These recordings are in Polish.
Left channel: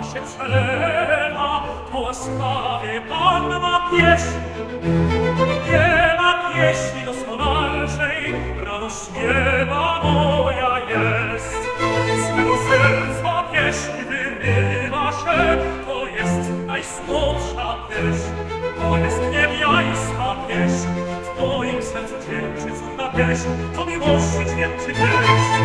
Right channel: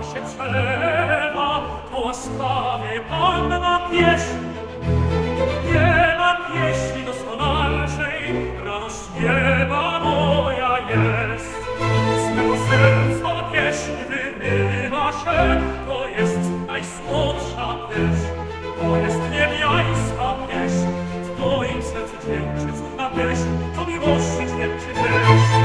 Się czema, łaskawie Panna pieśń. Nie ma pieśni doskonalszej, rano śpiewa moja jest. Z mego serca pieśń wyrywa się, to jest najsłodsza pieśń. To jest niebiańska pieśń, w moim sercu dźwięczy cudna pieśń, to miłości dźwięczy pieśń.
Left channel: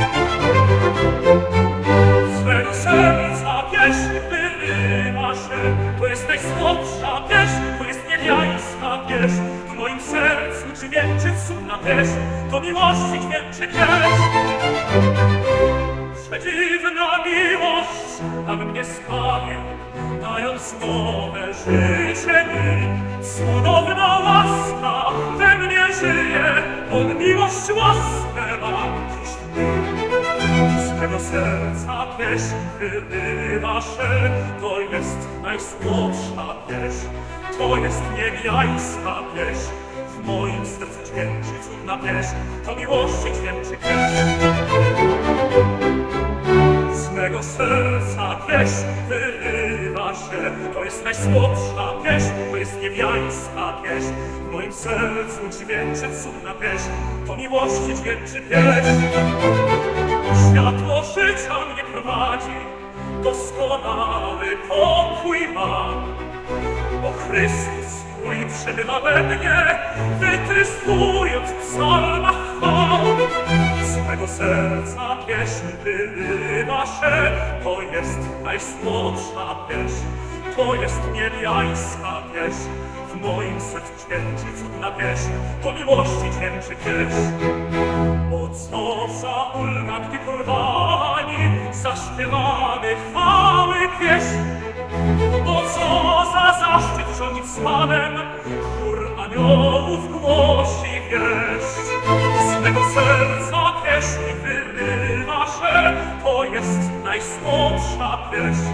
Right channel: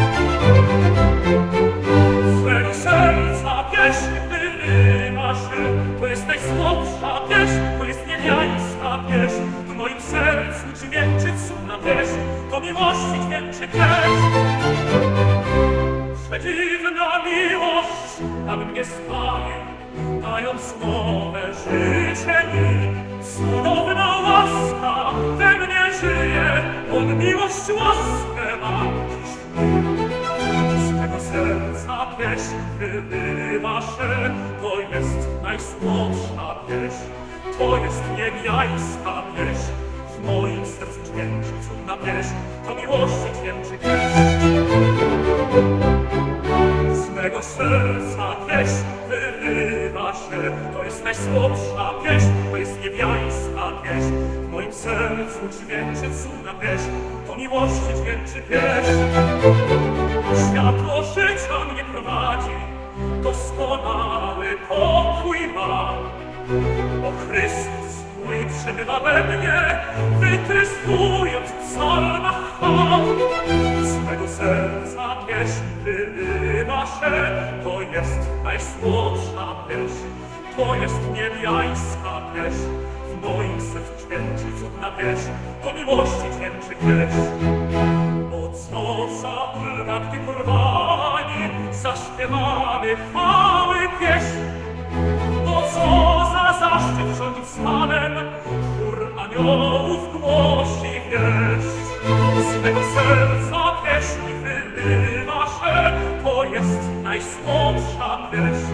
Swego serca pieśń wyrywa się, to jest najsłodsza pieśń, to jest niebiańska pieśń. W moim sercu dźwięczy cudna pieśń, to miłości dźwięczy pieśń. Przedziwna miłość, aby mnie sprawił, dając nowe życie mi. Cudowna miłość łaskę dziś. Z mego serca pieśń wyrywa się, to jest najsłodsza pieśń, to jest niebiańska pieśń. W moim sercu dźwięczy cudna pieśń, to miłości dźwięczy pieśń. Mego serca pieśń wyrywa się, to jest najsłodsza pieśń, to jest niebiańska pieśń. W moim sercu dźwięczy cudna pieśń, to miłości dźwięczy pieśń. Światło życia mnie prowadzi, doskonały pokój mam. Bo Chrystus mój przebywa we mnie, wytrystując w psalmach chwał. Z mego serca pieśń wyrywa się, to jest najsłodsza pieśń, to jest niebiańska pieśń. W moim sercu dźwięczy cudna pieśń, to miłości dźwięczy pieśń. Bo co za ulga, gdy porwani, zaśpiewamy chwały pieśń. Bo co za zaszczyt rządzić słanem, chór aniołów głosi wieść. Z mego serca pieśń wyrywa się, to jest najsłodsza pieśń,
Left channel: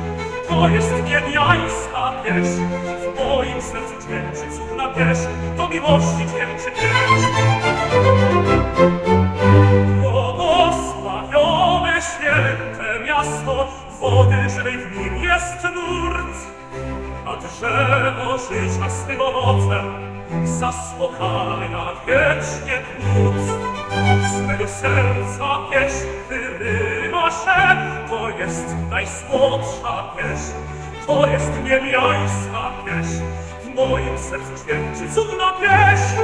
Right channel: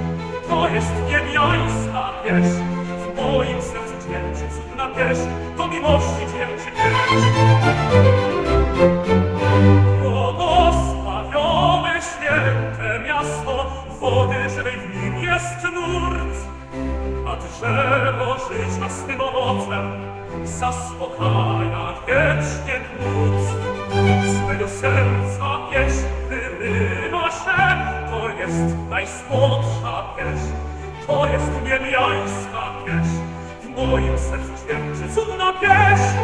to jest niebiańska pieśń. W moim sercu dźwięczy cudna pieśń, to miłości dźwięczy pieśń. Błogosławione święte miasto, wody żywej w nim jest nurt, a drzewo życia swym owocem zaspokaja wiecznie głód. Z mego serca pieśń wyrywa się, to jest najsłodsza pieśń, to jest niebiańska pieśń. W moim sercu dźwięczy cudna pieśń,